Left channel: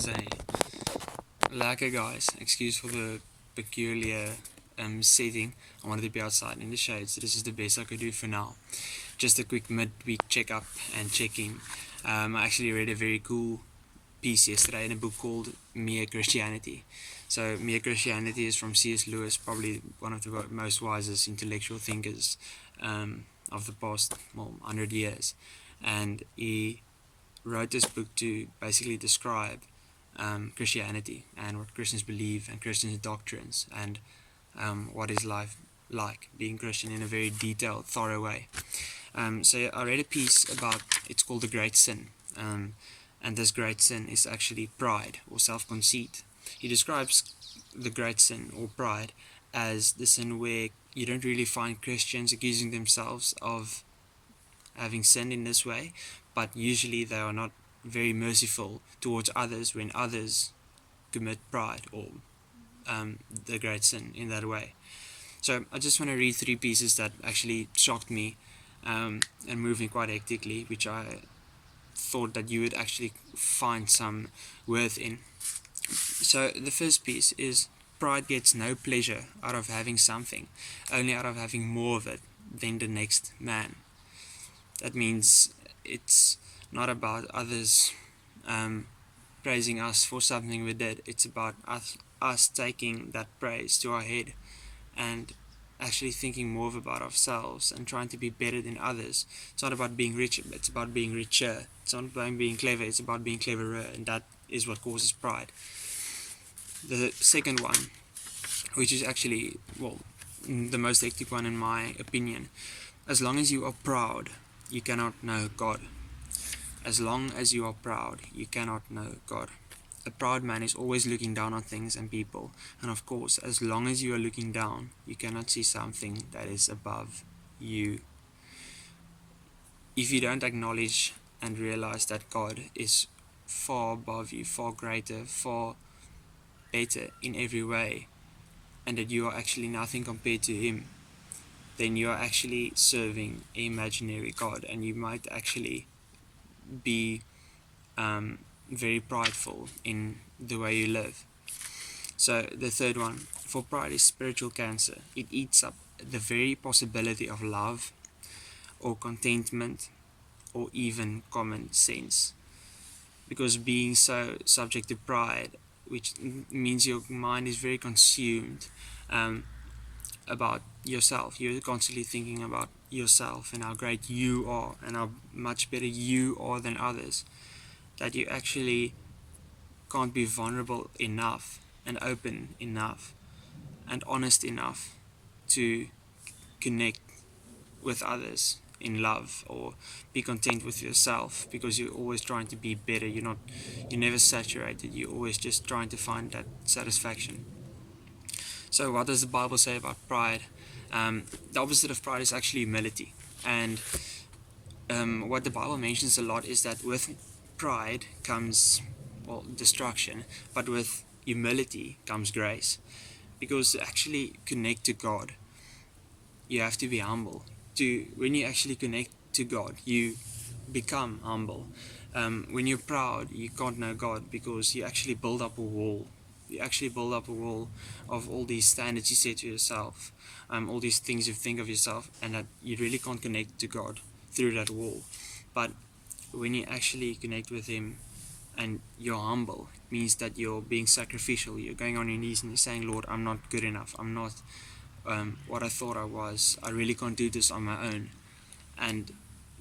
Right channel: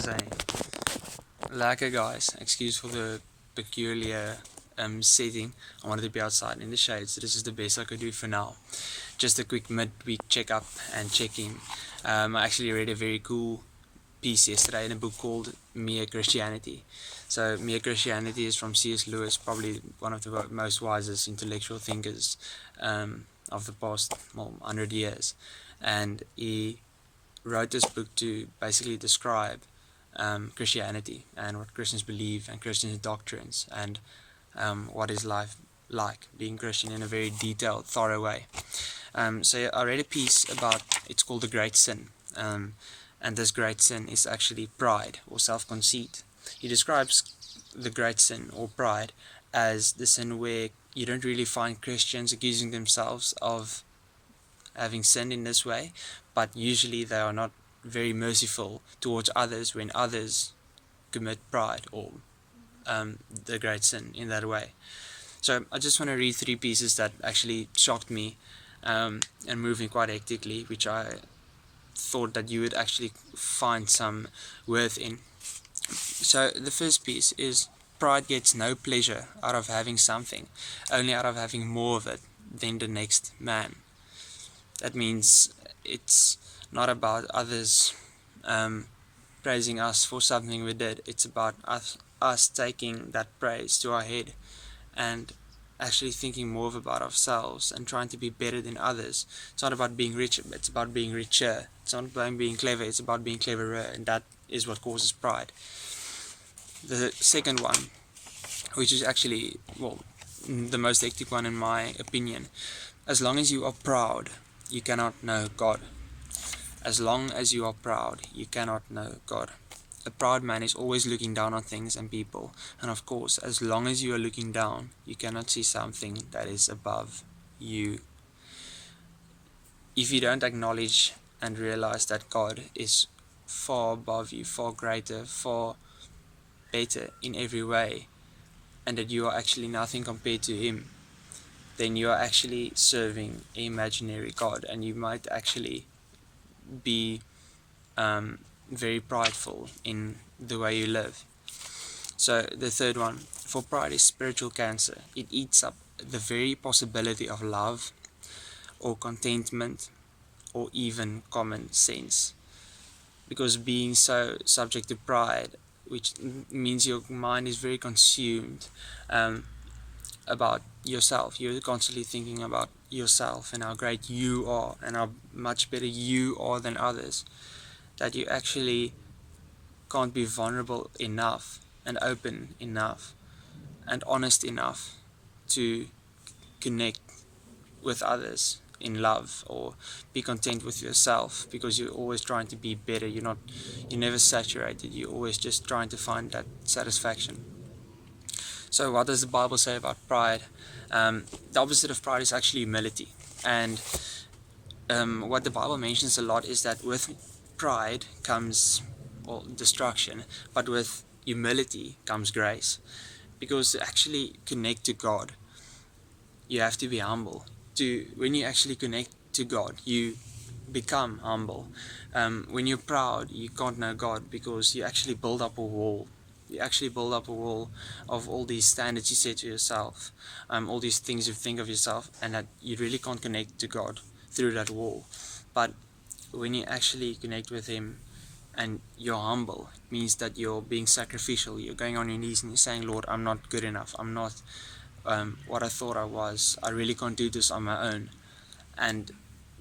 Zay. Lekker guys, excuse for the peculiar setting. I wanted to be outside in the shade, so this is the best I could do for now. Just a quick midweek check-up and check-in. I actually read a very cool piece yesterday in a book called Mere Christianity. So Mere Christianity is from C.S. Lewis, probably one of the most wisest intellectual thinkers of the past 100 years. And he wrote this book to basically describe Christianity and what Christians believe and Christians' doctrines and what is life like being Christian in a very detailed, thorough way. So I read a piece about, it's called The Great Sin, and this great sin is actually pride or self-conceit. He describes the great sin or pride as the sin where you don't really find Christians accusing themselves of having sinned in this way, but usually they are not very merciful towards others when others commit pride or the great sin in that way. So I just want to read 3 pieces that actually shocked me and moved me quite hectically, which I thought that you would actually find some worth in. So the first piece is: pride gets no pleasure out of having something, only out of having more of it than the next man. That means it's not about others praising us for something we did. It's about us taking that praise to our head and actually thinking more about ourselves and trying to be better than others. It's not about being rich, it's about being richer. It's not about being clever, it's about being cleverer, and that is what causes pride. The second one, which is actually, the most hectic one in my opinion: as long as you are proud, you cannot know God. As long as you are proud, you cannot know God. A proud man is always looking down on things and people, and of course, as long as you are looking down, you cannot see something that is above you. If you don't acknowledge and realize that God is far above you, far greater, far better in every way, and that you are actually nothing compared to Him, then you are actually serving an imaginary God, and you might actually be very prideful in the way you live. So the third one, for pride is spiritual cancer. It eats up the very possibility of love or contentment or even common sense. Because being so subject to pride, which means your mind is very consumed about yourself. You're constantly thinking about yourself and how great you are and how much better you are than others, that you actually can't be vulnerable enough and open enough and honest enough to connect with others in love or be content with yourself, because you're always trying to be better. You're never saturated. You're always just trying to find that satisfaction. So what does the Bible say about pride? The opposite of pride is actually humility. And what the Bible mentions a lot is that with pride comes destruction, but with humility comes grace. Because to actually connect to God, you have to be humble. When you actually connect to God, you become humble. When you're proud, you can't know God, because you actually build up a wall. You actually build up a wall of all these standards you set to yourself, all these things you think of yourself, and that you really can't connect to God through that wall. But when you actually connect with Him and you're humble, it means that you're being sacrificial. You're going on your knees and you're saying, Lord, I'm not good enough. I'm not what I thought I was. I really can't do this on my own. And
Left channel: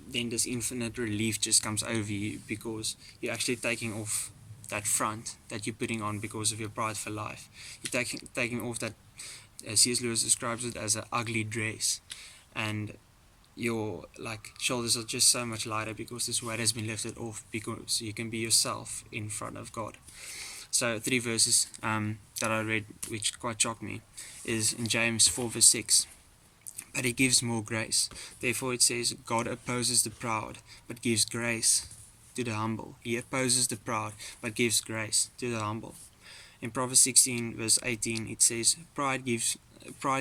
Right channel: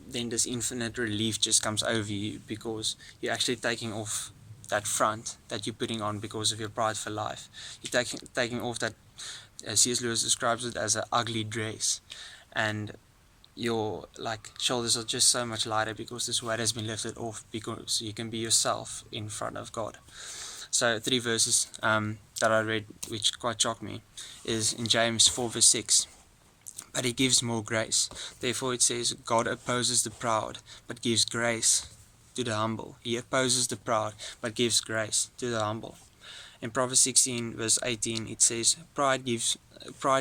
then this infinite relief just comes over you, because you're actually taking off that front that you're putting on because of your pride for life. You're taking off that, C.S. Lewis describes it as an ugly dress, and your shoulders are just so much lighter because this weight has been lifted off, because you can be yourself in front of God. So 3 verses that I read, which quite shocked me, is in James 4 verse 6. But He gives more grace. Therefore it says, God opposes the proud, but gives grace to the humble. He opposes the proud, but gives grace to the humble. In Proverbs 16 verse 18 it says, pride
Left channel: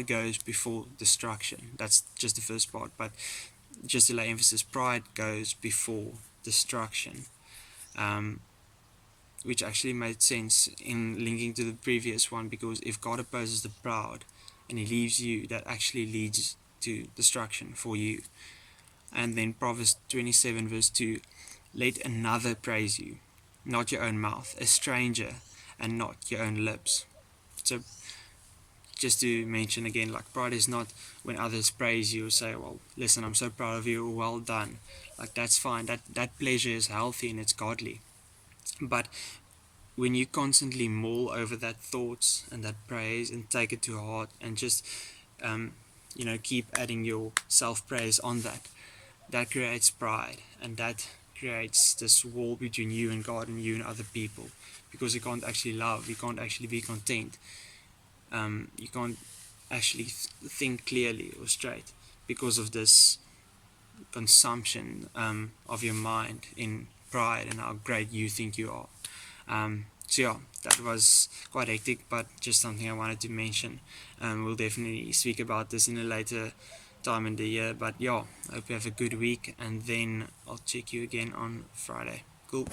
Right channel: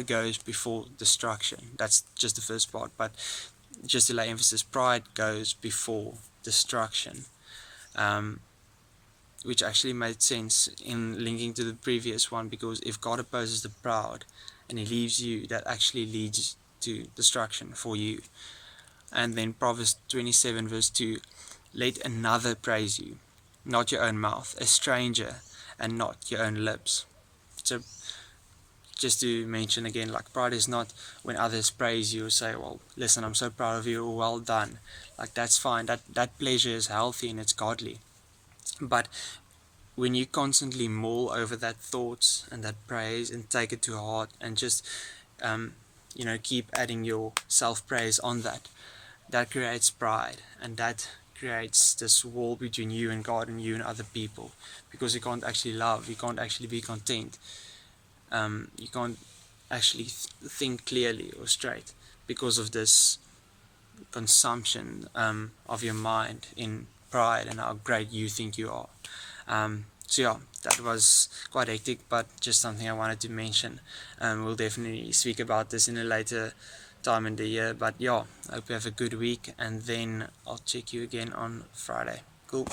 goes before destruction. That's just the first part, but just to lay emphasis, pride goes before destruction. which actually made sense in linking to the previous one, because if God opposes the proud and he leaves you, that actually leads to destruction for you. And then Proverbs 27 verse 2, let another praise you, not your own mouth, a stranger, and not your own lips. So just to mention again, like, pride is not when others praise you or say, well, listen, I'm so proud of you, or well done. Like, that's fine. That pleasure is healthy and it's godly. But when you constantly mull over that thoughts and that praise and take it to heart and just keep adding your self-praise on that, that creates pride, and that creates this wall between you and God and you and other people, because you can't actually love, you can't actually be content, you can't actually think clearly or straight because of this consumption of your mind in pride and how great you think you are. So yeah, that was quite hectic, but just something I wanted to mention. We'll definitely speak about this in a later time in the year, but yeah, I hope you have a good week, and then I'll check you again on Friday. Cool.